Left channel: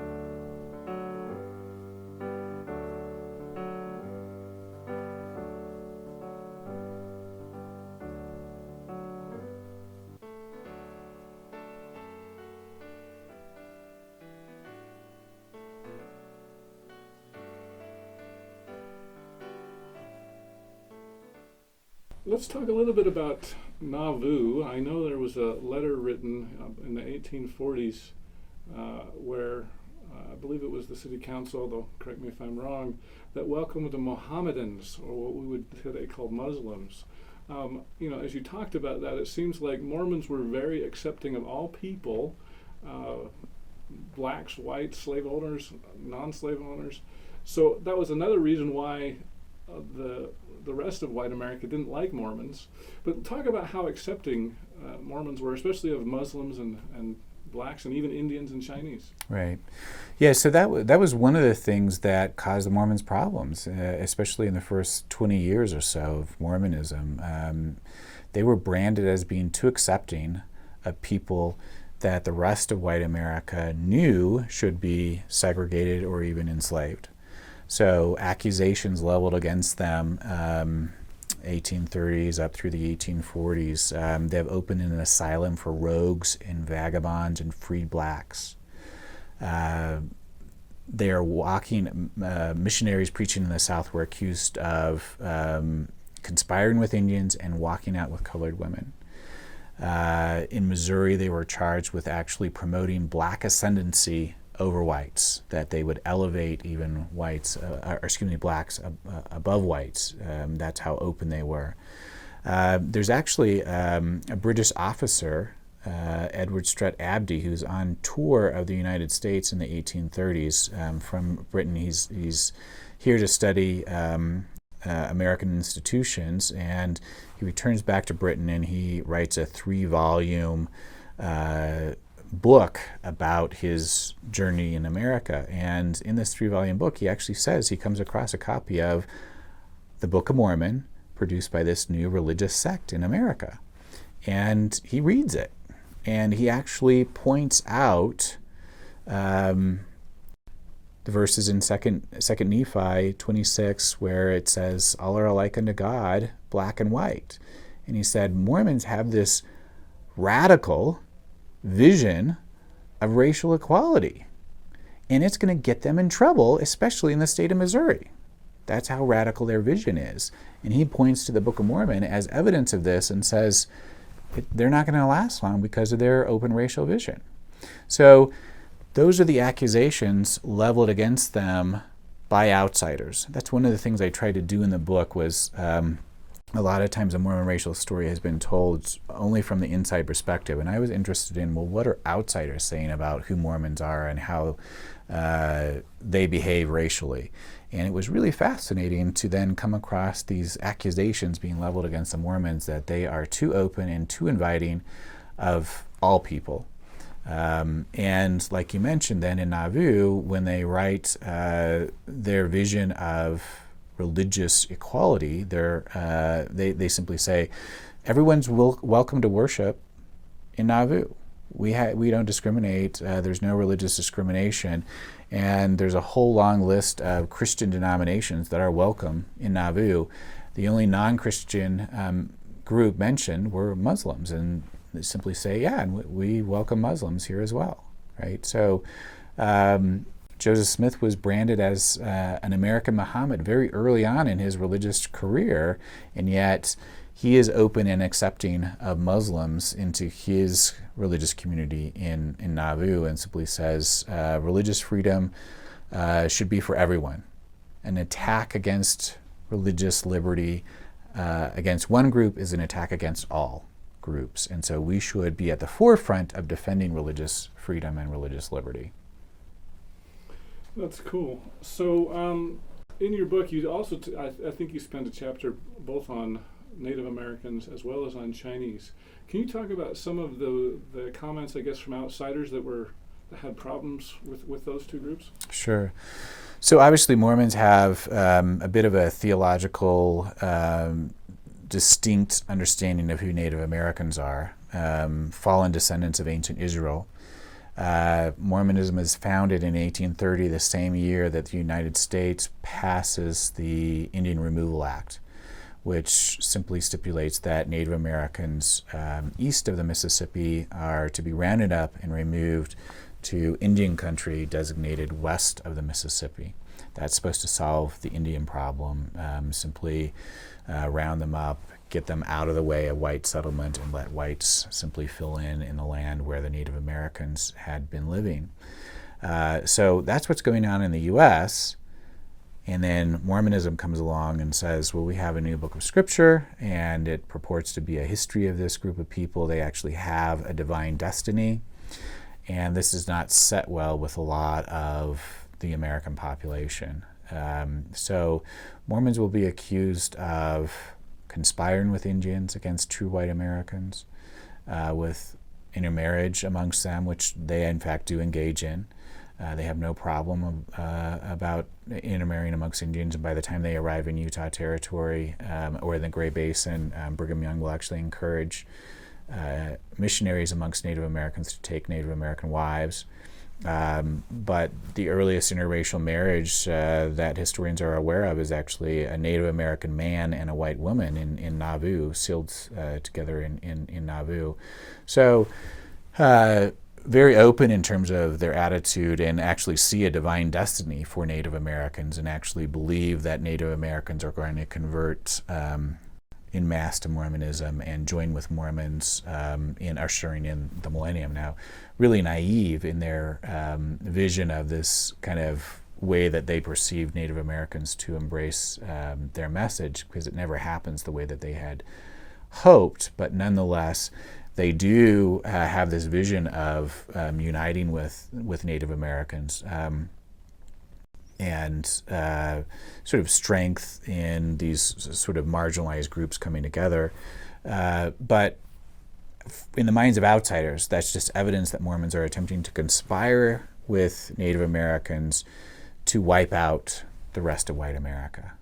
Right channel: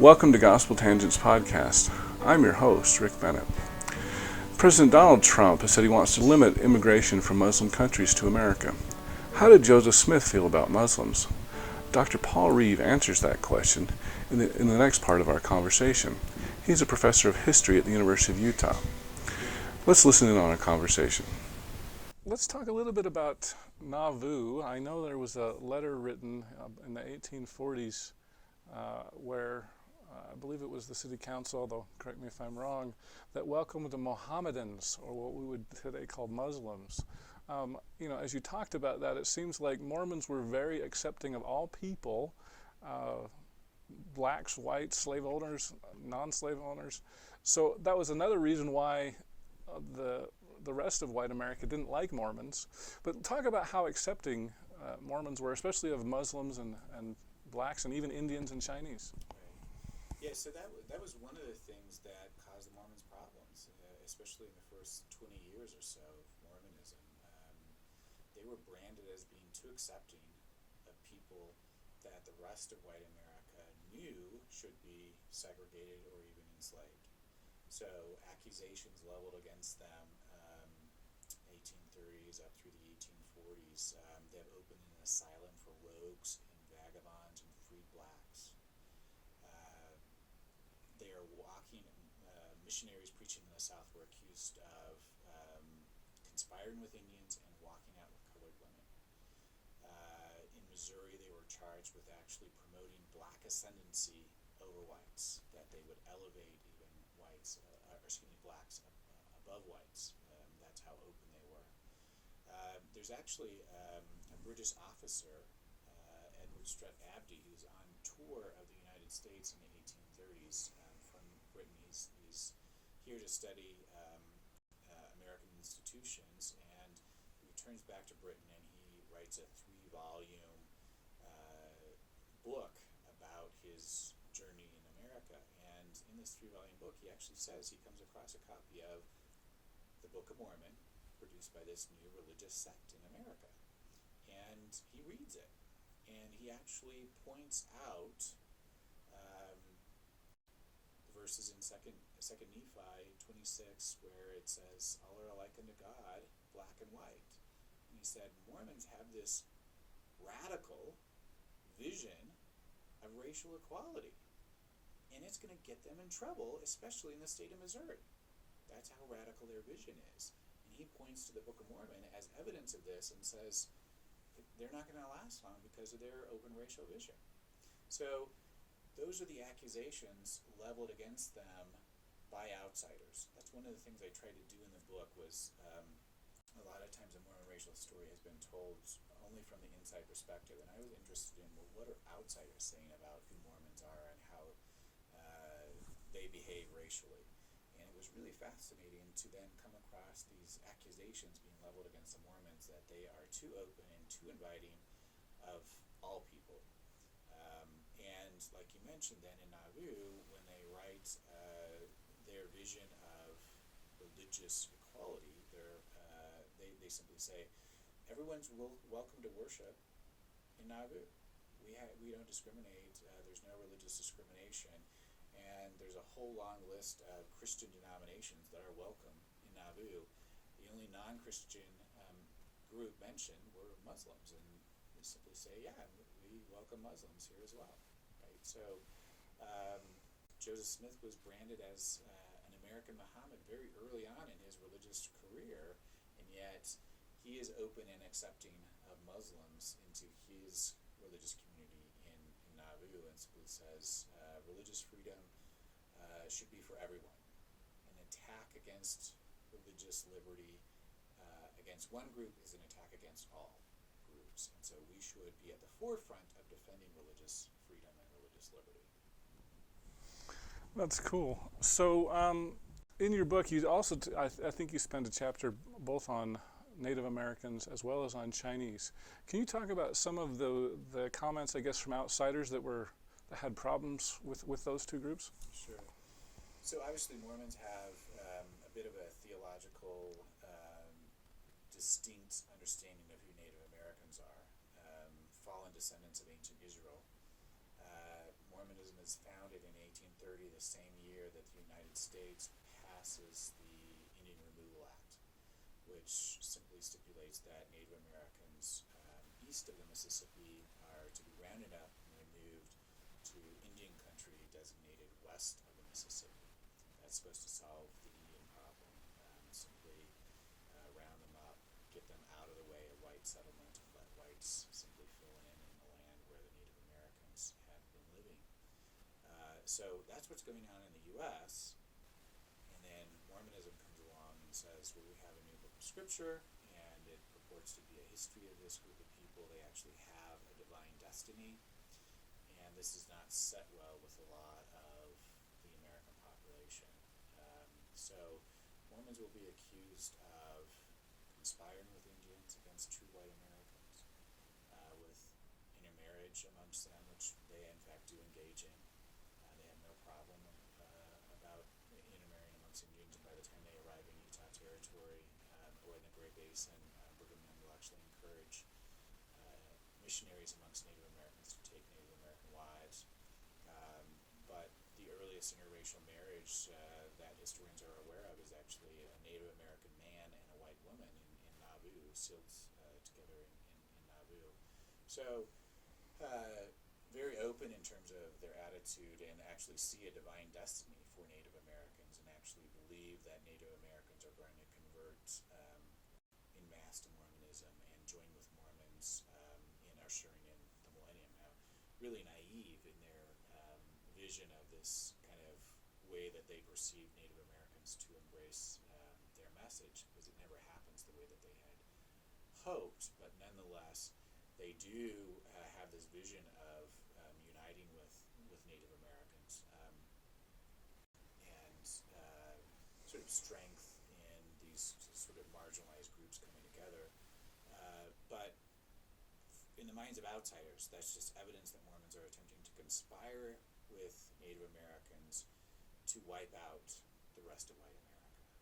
Welcome to Gospel Tangents Podcast. I'm your host, Rick Bennett. President Donald Trump has said he wants to limit immigration from Muslim countries to America. How did Joseph Smith feel about Muslims? Dr. Paul Reeve answers that question in the next part of our conversation. He's a professor of history at the University of Utah. Let's listen in on our conversation. Let's talk a little bit about Nauvoo. I know there was a letter written in the 1840s where I believe it was the city council, though correct me if I'm wrong, that welcomed the Mohammedans, or what we would today call Muslims. As you talked about that, it seems like Mormons were very accepting of all people, blacks, whites, slave owners, non-slave owners. So that was another reason why the rest of white America didn't like Mormons. But talk about how accepting Mormons were, especially of Muslims and blacks and even Indians and Chinese. Right. Yeah, so that was one of the things that caused the Mormons problems, especially in the first 20 years or so of Mormonism. They were branded as being too accepting of people that the rest of white America knew should be segregated or even enslaved. So accusations leveled against them, 1830s up through the 1840s. They have opened an asylum for rogues and vagabonds and freed blacks. They are missionaries preaching in the South were accused of conspiring with Indians and walking out with colored women. In Missouri, they were charged with actually promoting black ascendancy over whites, that they would elevate even blacks above whites. That's how open they were. There's actually a British officer, Edward Strutt Abdy, who's on tour of the United States in the 1830s from Britain. He's here to study American institutions, and he returns back to Britain and he writes a 3-volume book about his journey in America. And in this 3-volume book, he actually says he comes across a copy of the Book of Mormon produced by this new religious sect in America. And he reads it. And he actually points out the verses in 2 Nephi 26 where it says, all are alike unto God, black and white. And he said, Mormons have this radical vision of racial equality. And it's going to get them in trouble, especially in the state of Missouri. That's how radical their vision is. And he points to the Book of Mormon as evidence of this and says, they're not going to last long because of their open racial vision. So those are the accusations leveled against them by outsiders. That's one of the things I tried to do in the book was a lot of times a Mormon racial story has been told only from the inside perspective. And I was interested in, what are outsiders saying about who Mormons are and how they behave racially? And it was really fascinating to then come across these accusations being leveled against the Mormons that they are too open and too inviting of all people. And like you mentioned then in Nauvoo, when they write their vision of religious equality, they simply say, everyone's welcome to worship in Nauvoo. We don't discriminate. There's no religious discrimination. And there's a whole long list of Christian denominations that are welcome in Nauvoo. The only non-Christian group mentioned were Muslims, and they simply say, and we welcome Muslims here as well, right? So Joseph Smith was branded as an American Muhammad very early on in his religious career, and yet he is open and accepting of Muslims into his religious community in Nauvoo, and simply says religious freedom should be for everyone. An attack against religious liberty against one group is an attack against all groups, and so we should be at the forefront of defending religious freedom and religious liberty. That's cool. So in your book, you also, I think you spend a chapter both on Native Americans as well as on Chinese. Can you talk about some of the comments, I guess, from outsiders that had problems with those two groups? Sure. So obviously Mormons have a bit of a theological distinct understanding of who Native Americans are, fallen descendants of ancient Israel. Mormonism is founded in 1830, the same year that the United States passes the Indian Removal Act, which simply stipulates that Native Americans east of the Mississippi are to be rounded up and removed to Indian country designated west of the Mississippi. That's supposed to solve the Indian problem, simply round them up, get them out of the way of white settlement, and let whites simply fill in the land where the Native Americans had been living. So that's what's going on in the U.S., and then Mormonism comes along and says, well, we have a new book of scripture, and it purports to be a history of this group of people. They actually have a divine destiny, and this is not set well with a lot of the American population. So Mormons will be accused of conspiring with Indians against true white Americans, with intermarriage amongst them, which they in fact do engage in. They have no problem about intermarrying amongst Indians, and by the time they arrive in Utah Territory or in the Gray Basin, Brigham Young will actually encourage missionaries amongst Native Americans to take Native American wives. But the earliest interracial marriage that historians are aware of is actually a Native American man and a white woman in Nauvoo, sealed together in Nauvoo. So very open in terms of their attitude, and actually see a divine destiny for Native Americans, and actually believe that Native Americans are going to convert in mass to Mormonism and join with Mormons in ushering in the millennium. Now, really naive in their vision of this kind of way that they perceive Native Americans to embrace their message, because it never happens the way that they had hoped. But nonetheless, they do have this vision of uniting with Native Americans and sort of strength in these sort of marginalized groups coming together. But in the minds of outsiders, that's just evidence that Mormons are attempting to conspire with Native Americans to wipe out the rest of white America.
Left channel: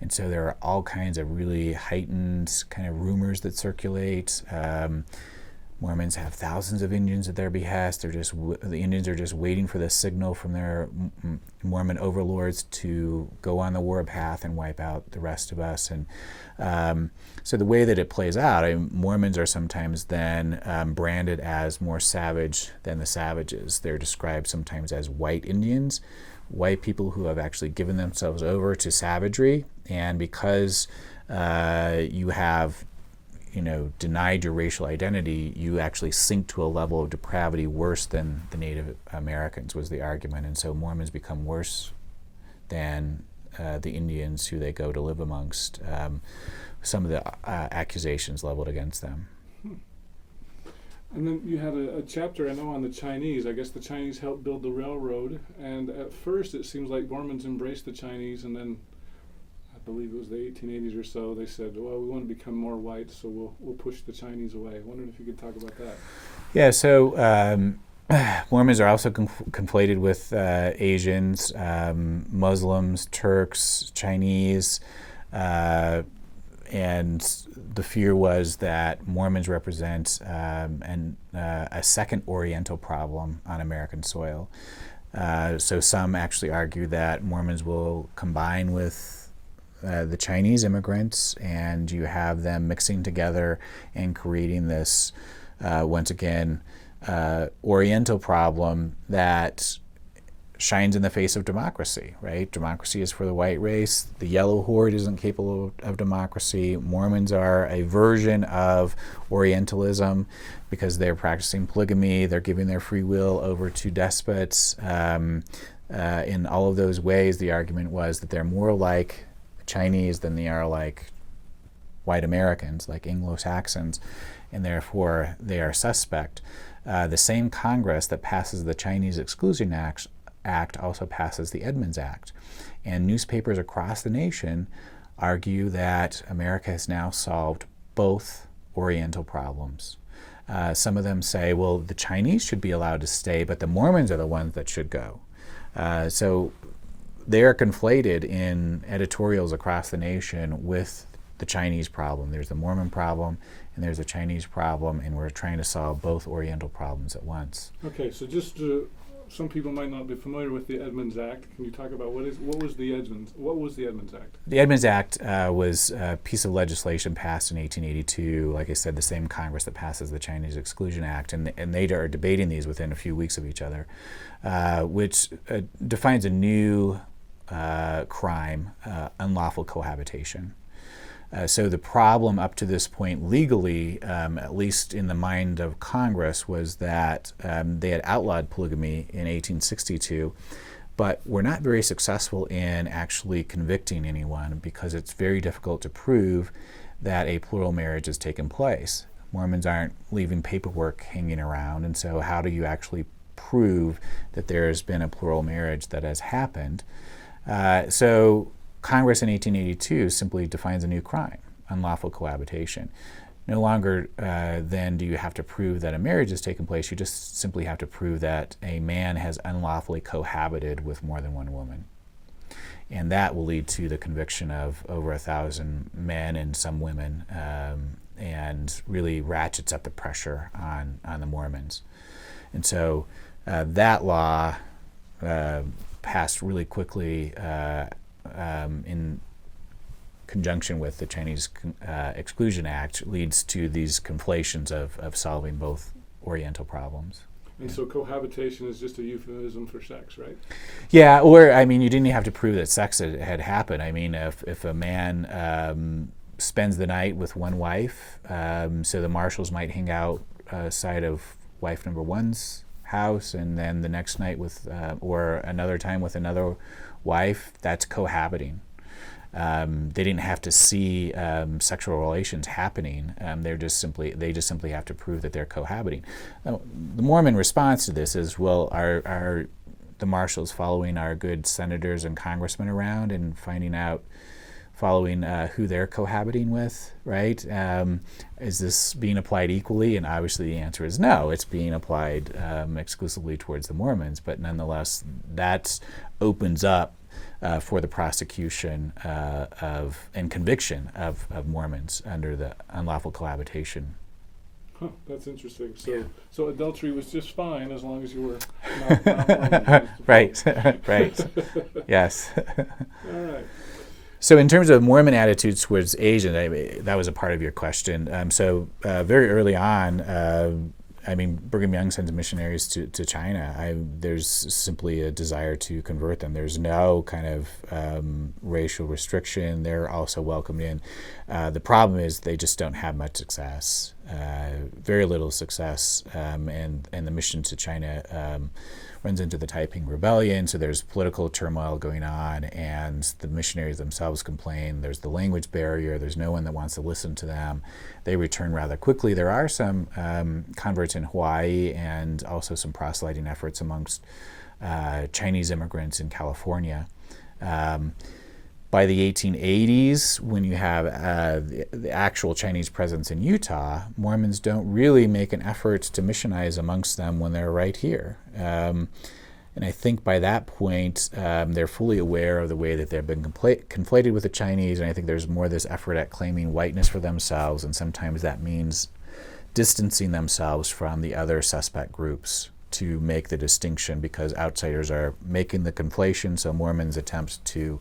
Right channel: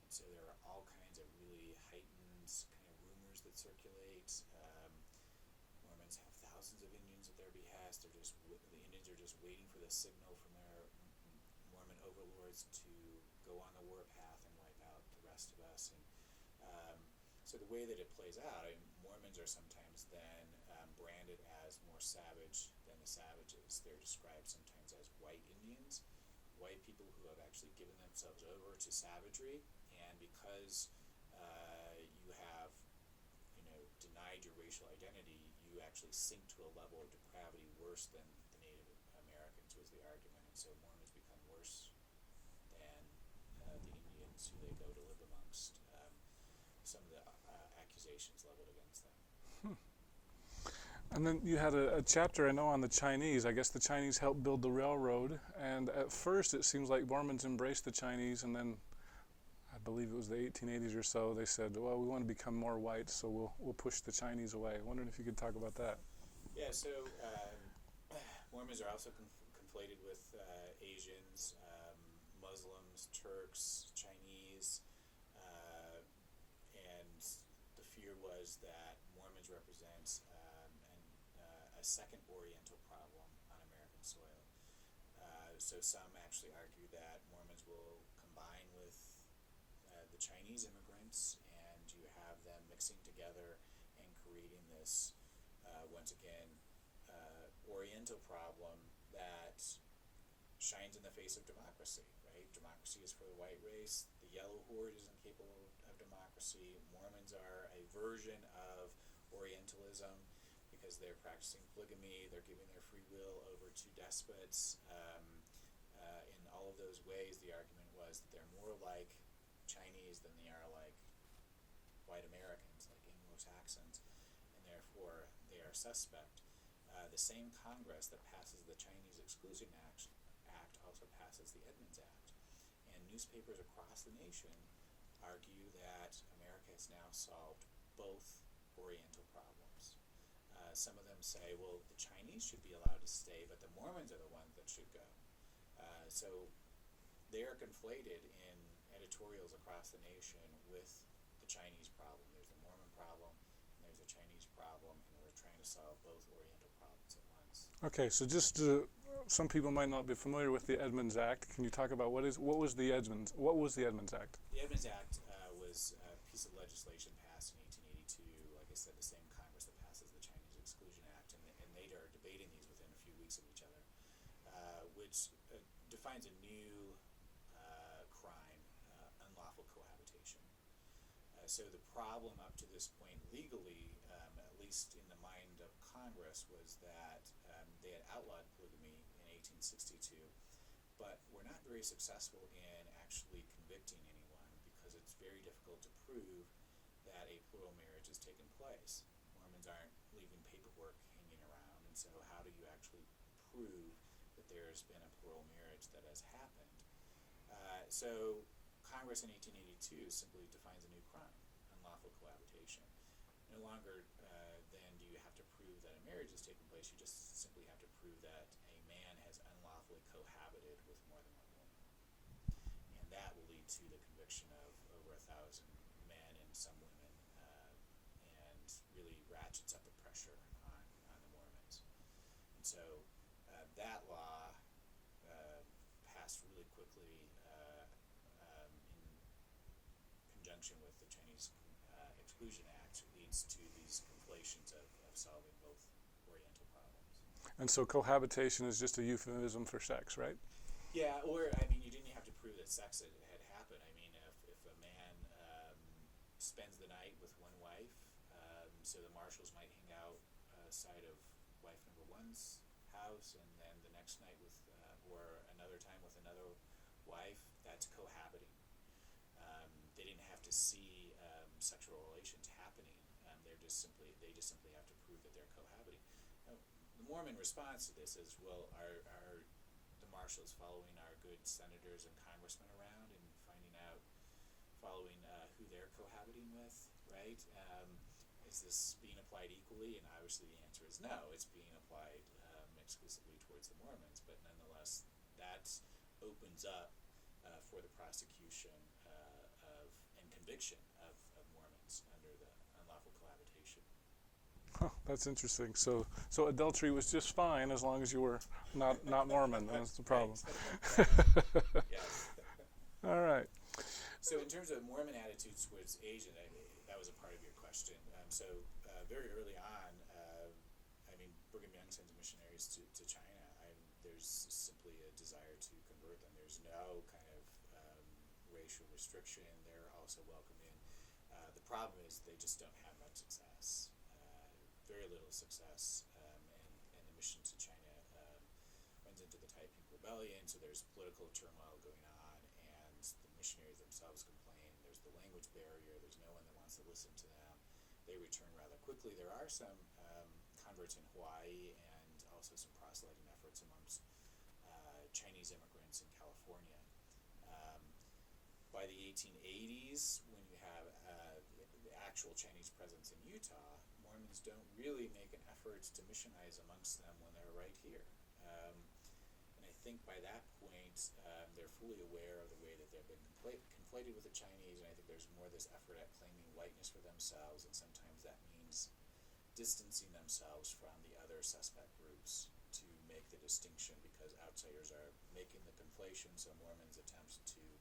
And so there are all kinds of really heightened kind of rumors that circulate. Mormons have thousands of Indians at their behest. The Indians are just waiting for the signal from their Mormon overlords to go on the war path and wipe out the rest of us. And so the way that it plays out, Mormons are sometimes then branded as more savage than the savages. They're described sometimes as white Indians, white people who have actually given themselves over to savagery. And because you have denied your racial identity, you actually sink to a level of depravity worse than the Native Americans, was the argument. And so Mormons become worse than the Indians who they go to live amongst. Some of the accusations leveled against them. And then you had a chapter, I know, on the Chinese. I guess the Chinese helped build the railroad, and at first it seems like Mormons embraced the Chinese, and then I believe it was the 1880s or so, they said, well, we want to become more white, so we'll push the Chinese away. I wondered if you could talk about that. Yeah, so Mormons are also conflated with Asians, Muslims, Turks, Chinese, and the fear was that Mormons represent a second Oriental problem on American soil. So some actually argue that Mormons will combine with the Chinese immigrants, and you have them mixing together and creating this, once again, Oriental problem that shines in the face of democracy, right? Democracy is for the white race. The yellow horde isn't capable of democracy. Mormons are a version of Orientalism because they're practicing polygamy. They're giving their free will over to despots. In all of those ways, the argument was that they're more like Chinese than they are like white Americans, like Anglo-Saxons, and therefore they are suspect. The same Congress that passes the Chinese Exclusion Act also passes the Edmund Act. And newspapers across the nation argue that America has now solved both Oriental problems. Some of them say, well, the Chinese should be allowed to stay, but the Mormons are the ones that should go. So they are conflated in editorials across the nation with the Chinese problem. There's the Mormon problem, and there's a Chinese problem, and we're trying to solve both Oriental problems at once. Okay, so just some people might not be familiar with the Edmund Act. Can you talk about what was the Edmund Act? The Edmund Act was a piece of legislation passed in 1882. Like I said, the same Congress that passes the Chinese Exclusion Act, and they are debating these within a few weeks of each other, which defines a new crime, unlawful cohabitation. So the problem up to this point legally, at least in the mind of Congress, was that they had outlawed polygamy in 1862, but were not very successful in actually convicting anyone because it's very difficult to prove that a plural marriage has taken place. Mormons aren't leaving paperwork hanging around, and so how do you actually prove that there has been a plural marriage that has happened? So Congress in 1882 simply defines a new crime, unlawful cohabitation. No longer then do you have to prove that a marriage has taken place. You just simply have to prove that a man has unlawfully cohabited with more than one woman. And that will lead to the conviction of over 1,000 men and some women, and really ratchets up the pressure on the Mormons. And so that law passed really quickly in conjunction with the Chinese Exclusion Act, leads to these conflations of solving both Oriental problems. And so cohabitation is just a euphemism for sex, right? Yeah, or I mean, you didn't have to prove that sex had happened. I mean, if a man spends the night with one wife, so the marshals might hang out side of wife number one's house, and then the next night with, or another time with another wife, that's cohabiting. They didn't have to see sexual relations happening. They just simply have to prove that they're cohabiting. Now, the Mormon response to this is, well, are the marshals following our good senators and congressmen around and following who they're cohabiting with, right? Is this being applied equally? And obviously the answer is no. It's being applied exclusively towards the Mormons, but nonetheless, that opens up for the prosecution and conviction of Mormons under the unlawful cohabitation. Huh, that's interesting. So adultery was just fine as long as you were not Mormon. Right, right. Yes. All right. So in terms of Mormon attitudes towards Asians, that was a part of your question. Very early on, Brigham Young sends missionaries to China. There's simply a desire to convert them. There's no kind of racial restriction. They're also welcomed in. The problem is they just don't have much success, very little success, and the mission to China runs into the Taiping Rebellion, so there's political turmoil going on, and the missionaries themselves complain. There's the language barrier. There's no one that wants to listen to them. They return rather quickly. There are some converts in Hawaii and also some proselyting efforts amongst Chinese immigrants in California. By the 1880s, when you have the actual Chinese presence in Utah, Mormons don't really make an effort to missionize amongst them when they're right here. And I think by that point, they're fully aware of the way that they've been conflated with the Chinese, and I think there's more this effort at claiming whiteness for themselves, and sometimes that means distancing themselves from the other suspect groups to make the distinction, because outsiders are making the conflation, so Mormons attempt to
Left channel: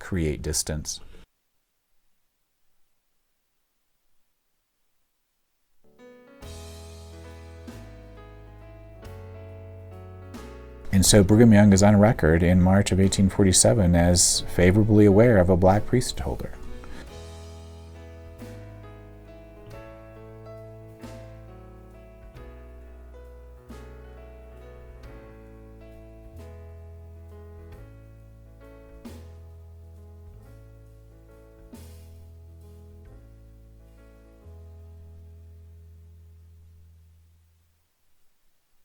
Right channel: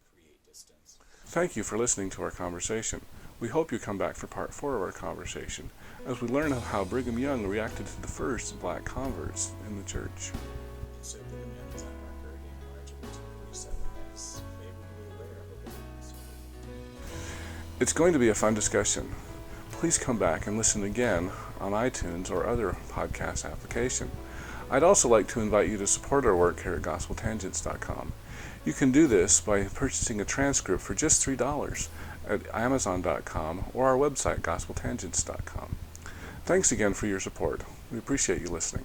create distance. Thank you for listening to our conversation. We hope you come back for part 4 of our conversation as we learn how Brigham Young reacted to the first black converts in the church. And so Brigham Young is on record in March of 1847 as favorably aware of a black priesthood holder. It's going to be a fun discussion. Please come back and listen again on iTunes or other podcast application. I'd also like to invite you to support our work here at GospelTangents.com. You can do this by purchasing a transcript for just $3 at Amazon.com or our website, GospelTangents.com. Thanks again for your support. We appreciate you listening.